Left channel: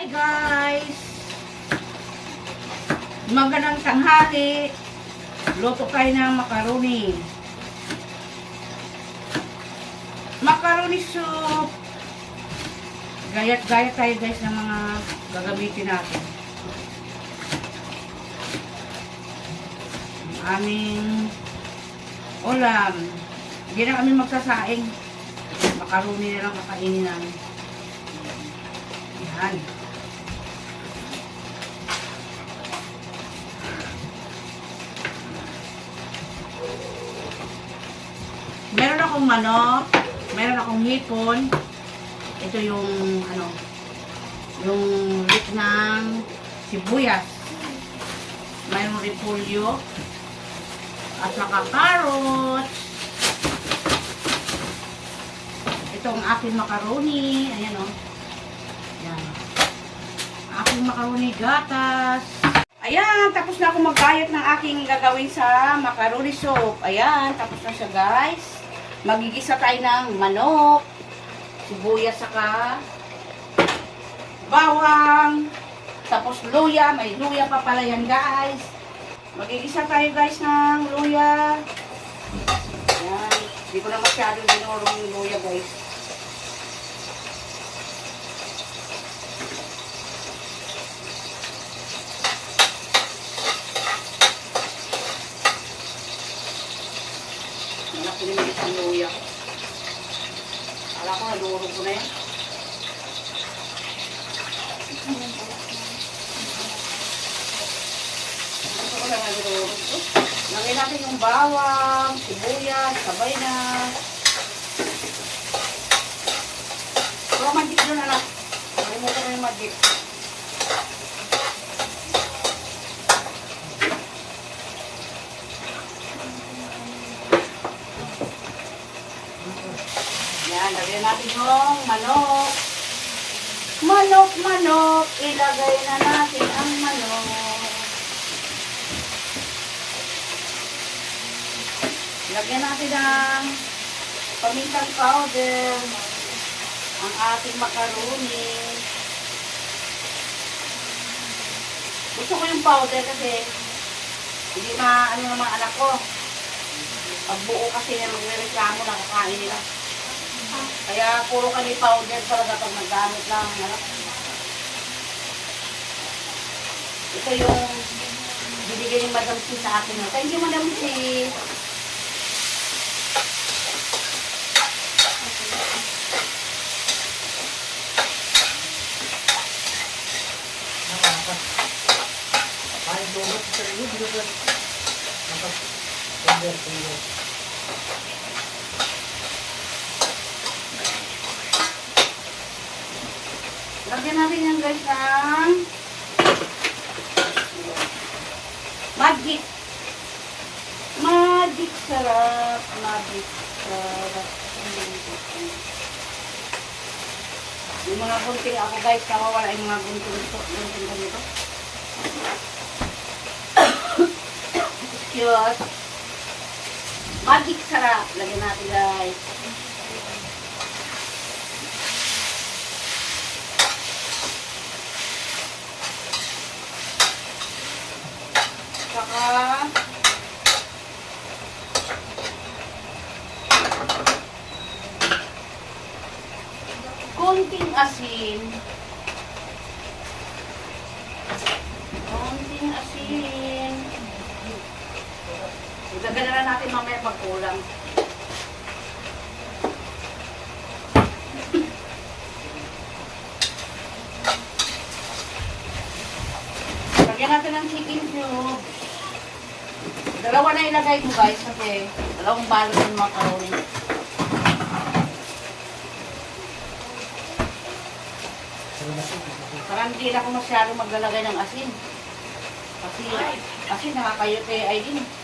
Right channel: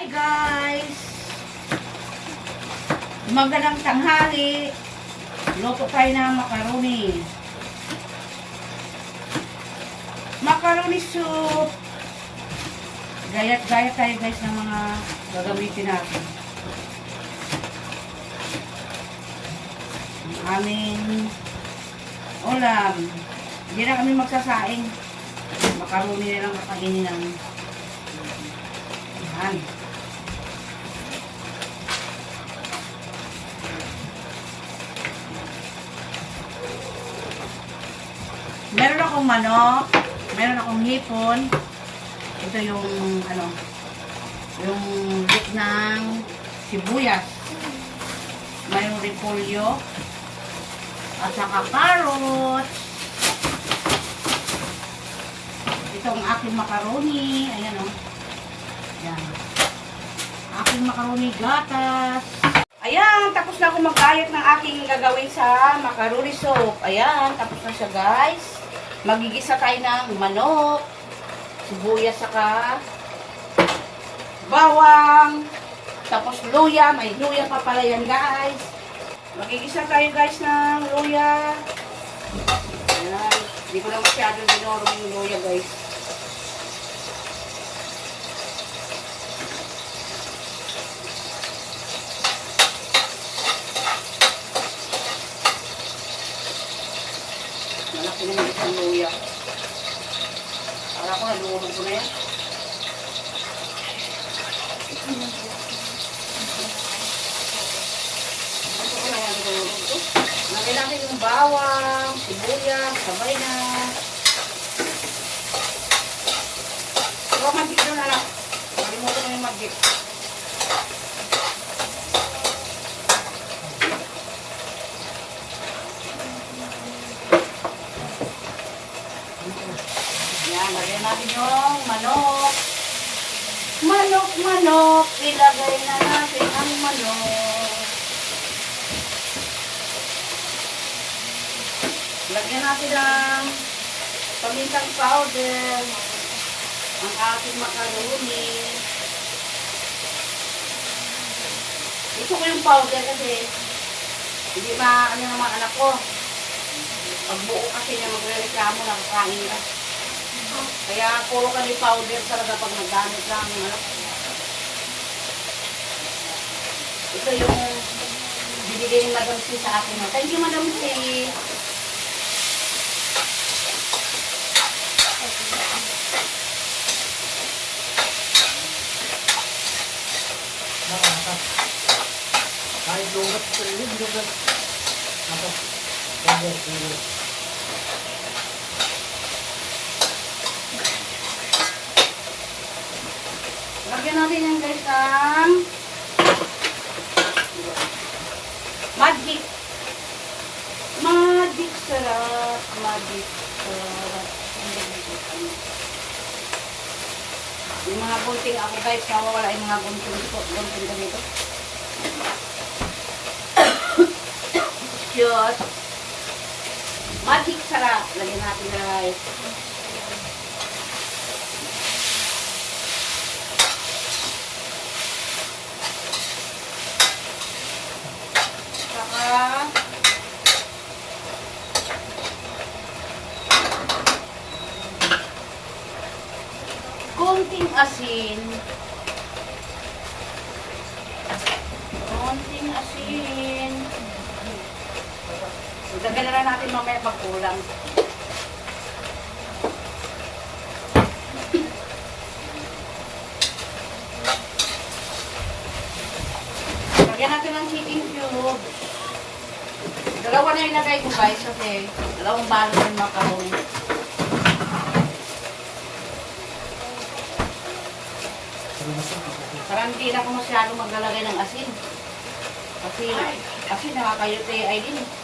Hi guys! Magandang tanghali. Luto tayo ng macaroni. Macaroni soup. Gayat-gayat tayo guys ng mga gagamitin natin. Ang aming ulam. Hindi na kami magsasaing. Macaroni na lang kakainin namin. Yan. Akong manok, meron akong hipon. Ito yung ano, yung lit ng sibuyas. Mayroong repolyo. At saka carrots. Ito aking macaroni. Ayan o. Oh. Yan. Aking macaroni gatas. Ayan, tapos na ako magkayat ng aking gagawin sa macaroni soup. Ayan, tapos na siya guys. Magigisa tayo ng manok, sibuyas saka bawang, tapos luya. May luya pa pala yan guys. Magigisa tayo guys ng luya. Ayan, hindi ko na masyadong dinurong luya guys. Malaki naman isang luya. Akala ko nalurog ko na yan. Ito ko lang nalurog ko. Lagay natin yung bawang, sibuyas, sabay na. Pero magic doon na lang. Nalimutan ko yung magic. Yan, lagyan natin yung manok. Manok, manok, ilagay na natin ang manok. Lagyan natin ang pamintang powder, ang ating macaroni. Gusto ko yung powder kasi hindi ma ano ng mga anak ko. Pag buo kasi niya magre-reklamo na kakain nila. Kaya puro kami powder talaga pag naggamit lang. Ano? Ito yung binigay ni Madam C sa akin. Thank you, Madam C. Kahit lumat sa sarili, hindi ka Atas. Pwede, pwede. Lagyan natin yung guys ang magic. Magic sarap. Magic sarap. Yung mga bunting ako guys, nawawala yung mga bunting ko. Bunting ko dito. Cute. Magic sarap. Lagyan natin guys. Konting asin. Konting asin. Ilagay na natin mamaya pag kulang. Lagyan natin ng chicken cube. Dalawa na ilagay ko guys kasi dalawang balot ng macaroni. Parang hindi na ako masyadong maglalagay ng asin. Kasi asin nakakayute ay din. Kailangan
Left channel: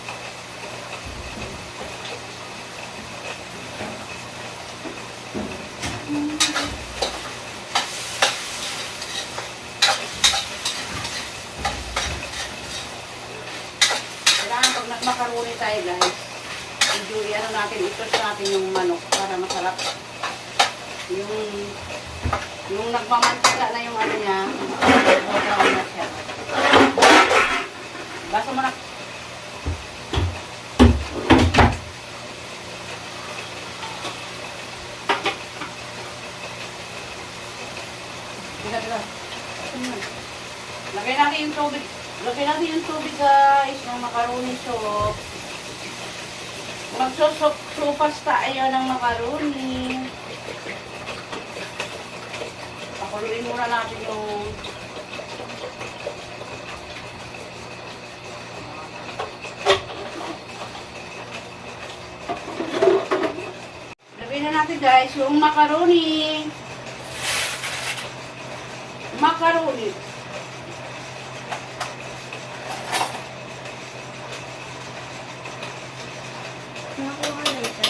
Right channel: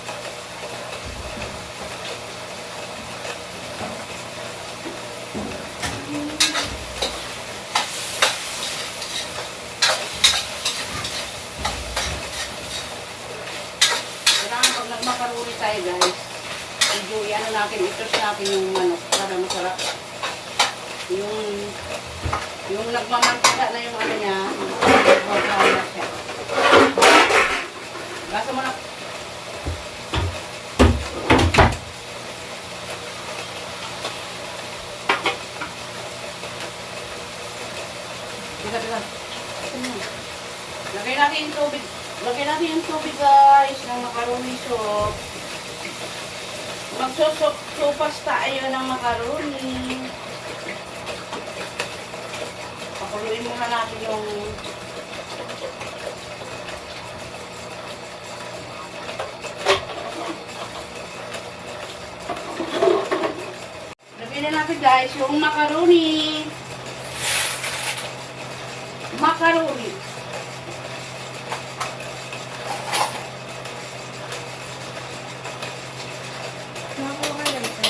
guys. Medyo ano natin, itos natin yung manok para masarap. Yung yung nagmamantika na yung ano niya, magkakaroon na siya. Basta mo na. Teka, teka. Lagay natin yung tubig. Lagay natin yung tubig guys ng macaroni sauce. Magsusupas tayo ng macaroni. Pakuluin muna natin yung Lagay na natin guys yung macaroni. Macaroni. Nakakuha na ito.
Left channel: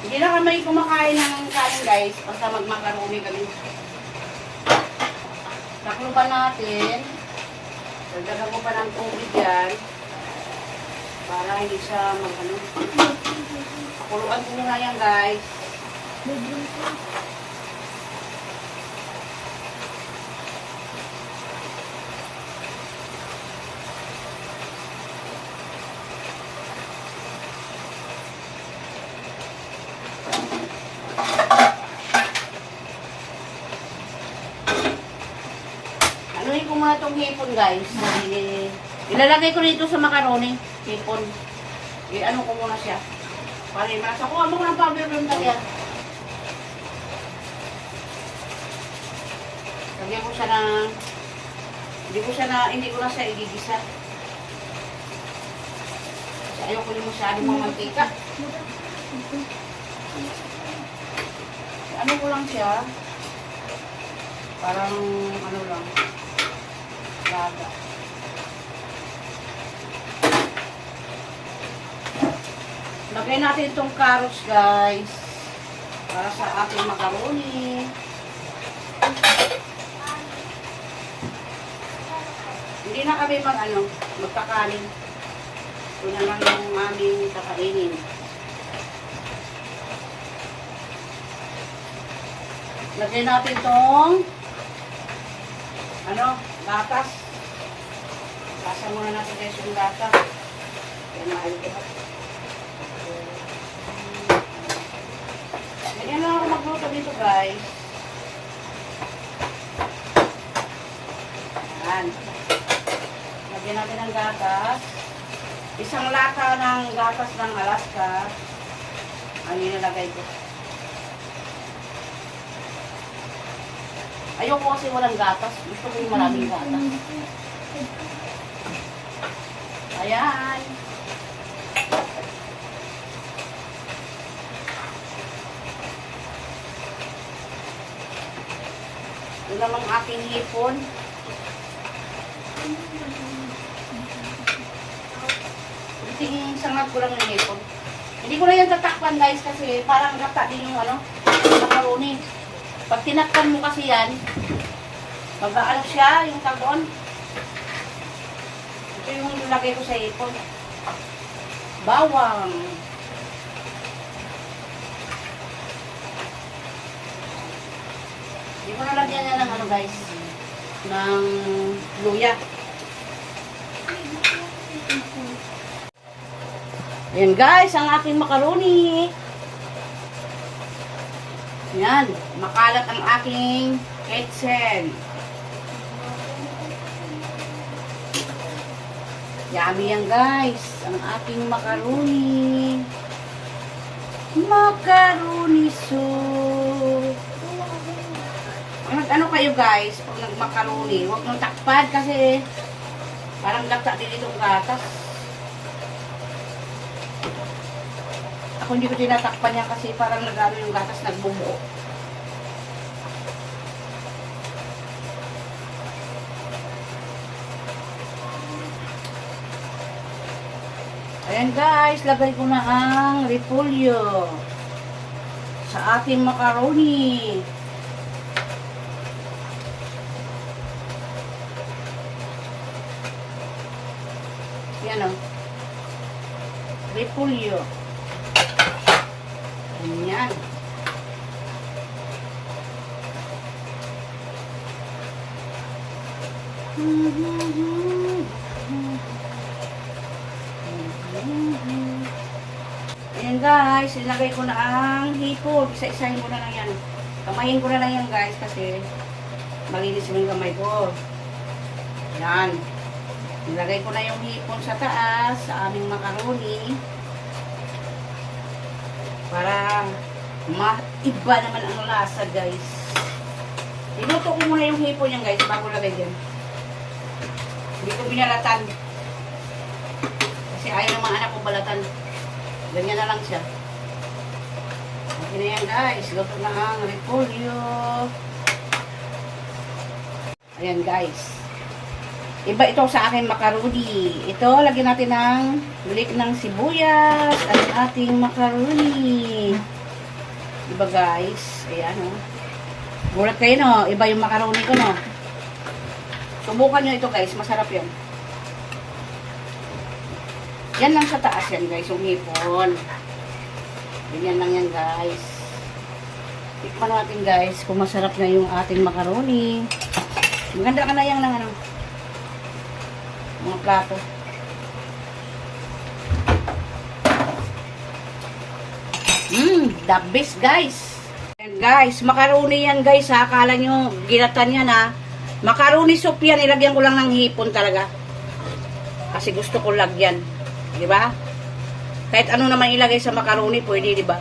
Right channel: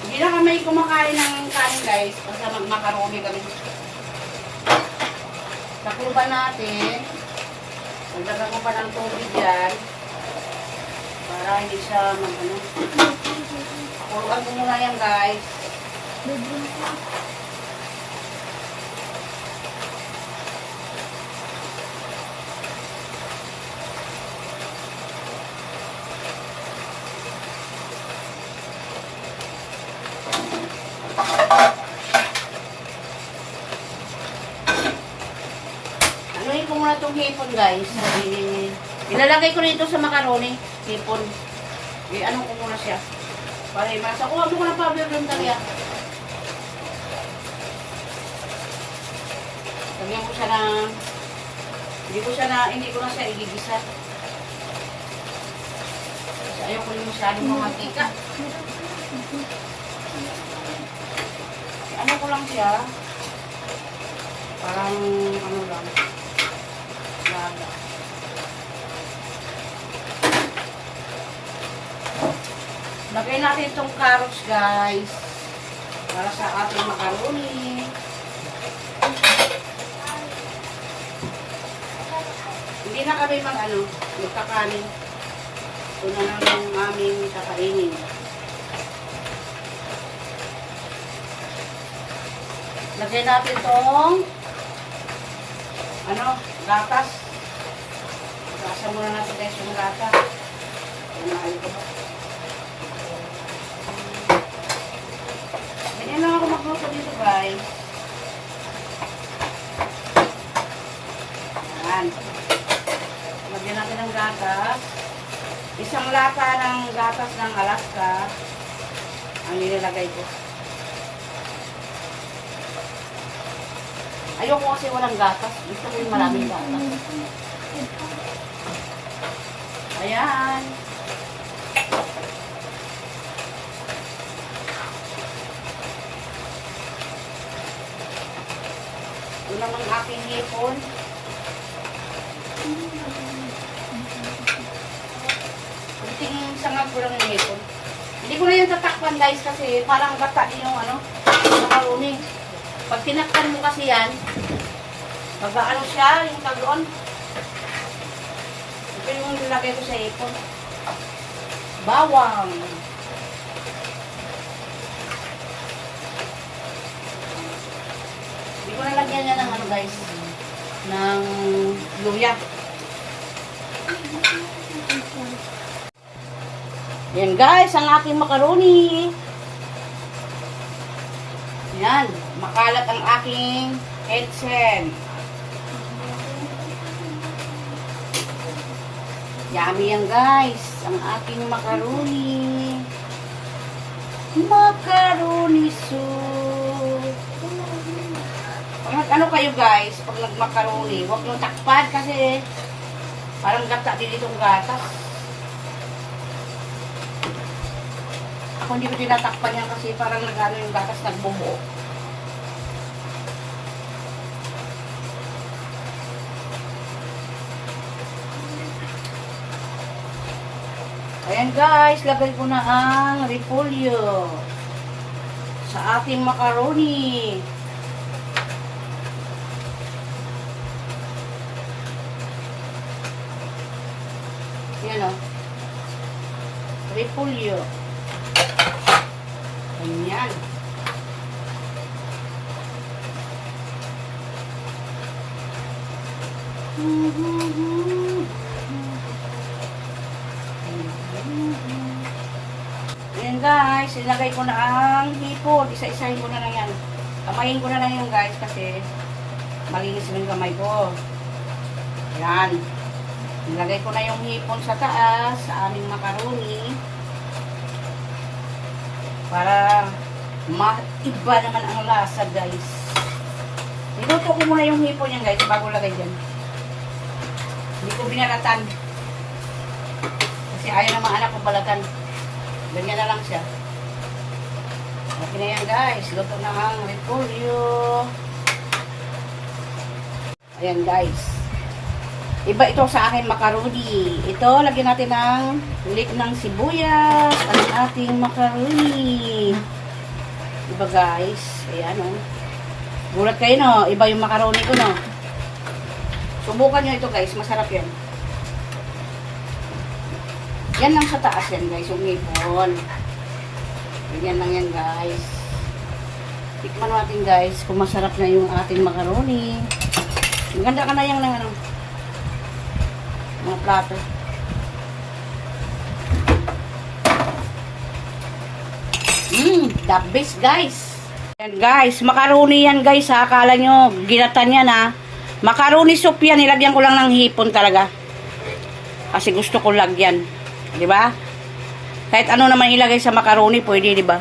Hindi na kami kumakain ng kanin guys, basta magmakaroni kami. Takluban natin. Dagdagan ko pa ng tubig yan. Para hindi siya mag ano. Pakuluan ko muna yan guys. Itong hipon guys. I- Ilalagay ko dito sa macaroni. Hipon. I-ano ko muna siya. Para masa ko. Ano ko ng powder ng talya? Lagyan ko siya ng... Hindi ko siya na... Hindi ko na siya igigisa. Kasi ayaw ko yung masyadong mga mantika. Ano ko lang siya. Parang ano lang. Laga. Lagay natin itong carrots guys. Para sa ating macaroni. Hindi na kami mag ano, magkakanin. Ito na lang yung aming kakainin. Lagay natin itong ano, gatas. Gasa muna natin guys yung gata. Kumain ko pa. Ganyan lang ako magluto dito guys. Yan. Lagyan natin ng gatas. Isang lata ng gatas ng Alaska. Ang nilagay ko. Ayoko kasi walang gatas. Gusto ko yung maraming gatas. Ayan. Ito namang aking hipon. Kunting sangag ko lang yung hipon. Hindi ko na yan tatakpan guys kasi parang gata din yung ano, macaroni. Pag tinakpan mo kasi yan, Magbaano siya, yung tagon. Ito yung nilagay ko sa ipon. Bawang. Hindi ko nalagyan niya ng ano guys, ng luya. Yan guys, ang aking macaroni. Yan, makalat ang aking kitchen. Yummy yan guys. Ang aking macaroni. Macaroni soup. Pag ano kayo guys, pag nagmacaroni, huwag nang takpan kasi parang gata din itong gatas. Ako hindi ko tinatakpan yan kasi parang nagano yung gatas nagbubuo. Ayan guys, lagay ko na ang repolyo sa ating macaroni. Yan o. Repolyo. Ayan. Ayan guys. ilagay ko na ang hipon. Isa-isahin ko na lang yan. Kamayin ko na lang yan guys kasi malinis yung kamay ko. Yan. Nilagay ko na yung hipon sa taas sa aming macaroni. Para maiba naman ang lasa guys. Niluto ko muna yung hipon yan guys bago lagay dyan. Hindi ko binalatan. Kasi ayaw ng mga anak ko balatan. Ganyan na lang siya. Okay na yan guys. Luto na ang repolyo. Ayan guys. Iba ito sa akin macaroni. Ito, lagyan natin ng lik ng sibuyas. Ang ating macaroni. Diba guys? Ayan o. Oh. Gulat kayo no. Iba yung macaroni ko no. Subukan nyo ito guys. Masarap yan. Yan lang sa taas yan guys. Yung hipon. Ganyan lang yan guys. Tikman natin guys kung masarap na yung ating macaroni. Maganda ka na yan ng ano. Mga plato. Mmm, the best guys. Yan guys, macaroni yan guys ha. Akala nyo, ginatan yan ha. Macaroni soup yan, nilagyan ko lang ng hipon talaga. Kasi gusto ko lagyan. Di ba? Kahit ano naman ilagay sa macaroni, pwede, di ba?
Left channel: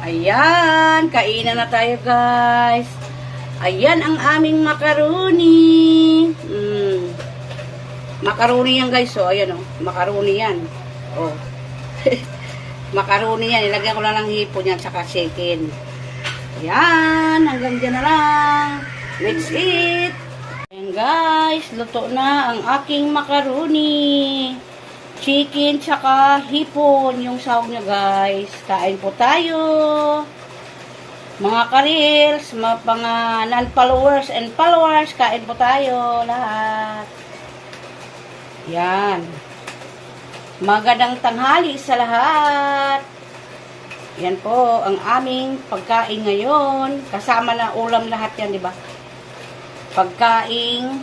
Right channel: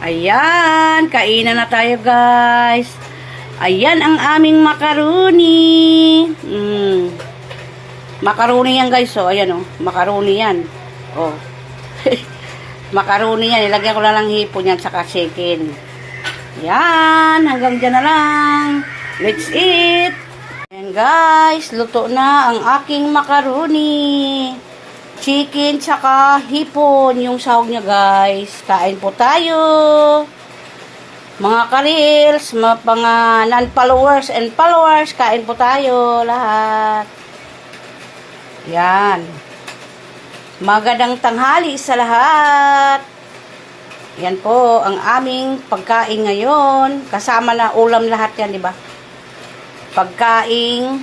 Ayan, kainan na tayo guys. Ayan ang aming macaroni. Mm. Macaroni yan guys, oh. Ayan oh, macaroni yan. Oh. macaroni yan, ilagyan ko na lang hipon yan saka chicken. Yan, hanggang dyan na lang. Let's eat. Ayan guys, luto na ang aking macaroni. Chicken tsaka hipon yung sahog niya guys. Kain po tayo. Mga karils, mga, mga non-followers and followers, kain po tayo lahat. Yan. Magandang tanghali sa lahat. Yan po ang aming pagkain ngayon. Kasama na ulam lahat yan, di ba? Pagkain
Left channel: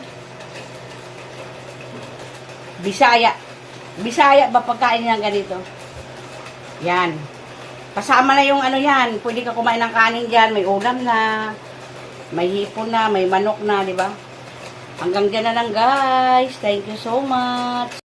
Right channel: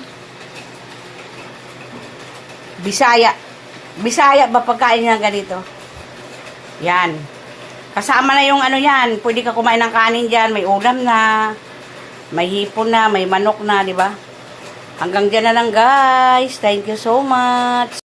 Bisaya. Bisaya ba pagkain nga ganito? Yan. Kasama na yung ano yan. Pwede ka kumain ng kanin dyan. May ulam na. May hipon na. May manok na, di ba? Hanggang dyan na lang guys. Thank you so much.